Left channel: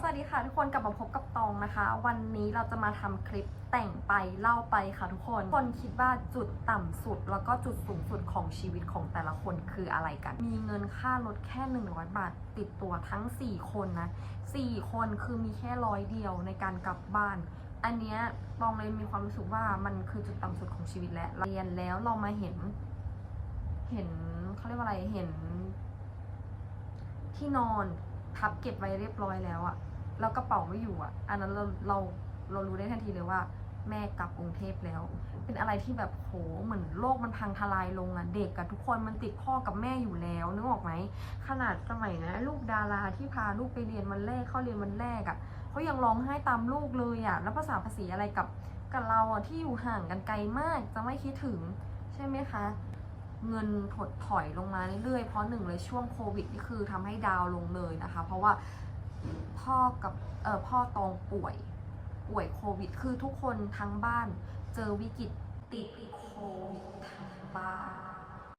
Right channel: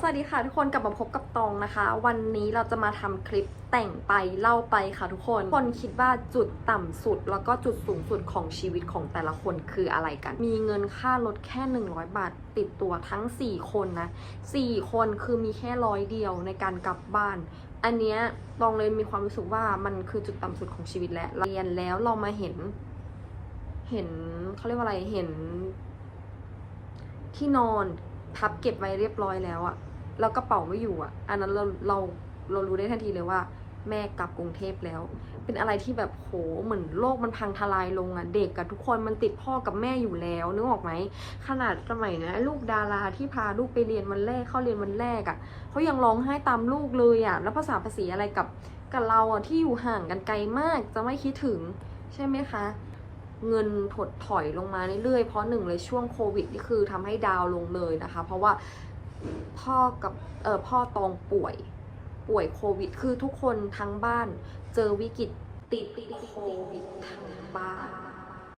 สวัสดีค่ะทุกคนกลับมาพบกับตองนะคะ วันนี้เราจะมาทำคลิปแต่งไปเล่าไปค่ะทุกคน คนคิดว่าจุดต่ำสุด แล้วก็จุดสูงสุดของชีวิตของแต่ละคนคืออะไรกัน มีเงินค่ารถแค่ 100 บาทติดตัวทั้ง 4 คนนะ 4 คนคือมีแค่ร้อยเดียวในการกลับบ้าน อันเนี้ยตองเลยมีความรู้สึกว่ามันคือจุดต่ำสุดของชีวิตแล้วเรียนแล้วเรามาเห็น เห็นเขาเรียกว่าอะไรเห็นที่นอน พับเก็บไว้เรียบร้อยแล้วอะแล้วกระเป๋าไม่อยู่อะอันนั้นเราเราเรารู้ได้ทันทีเลยว่า แม่กลับกรุงเทพแล้ว เป็นอะไรที่แบบโหเหมือนโลกมันพังทลายลงอะเด็กกับทุกคนมันติดพ่อกับแม่อยู่แล้วนึกออกไหมขนาดสมัยนะลูกดาราที่พาลูกไปเรียนวันแรกเข้าเรียนวันแรกอะเขายังร้องไห้ตามลูกเลยอะแล้วภาษาภาษีอะไรกับกับเราอะที่อยู่ห่างกันไกลมากจะไม่คิดถึงใช่ไหมคะ เงินถดถอยลงมาเรื่อยๆ เพราะหนึ่งเลยช่วงโควิดนี่คือทำให้ดาวลงเลยนะคะ เพราะว่าพ่อกับเออพ่อตองป่วยป่วยโควิด คือทุกคนทั้งบ้านเจอวิกฤตติดโควิดทั้ง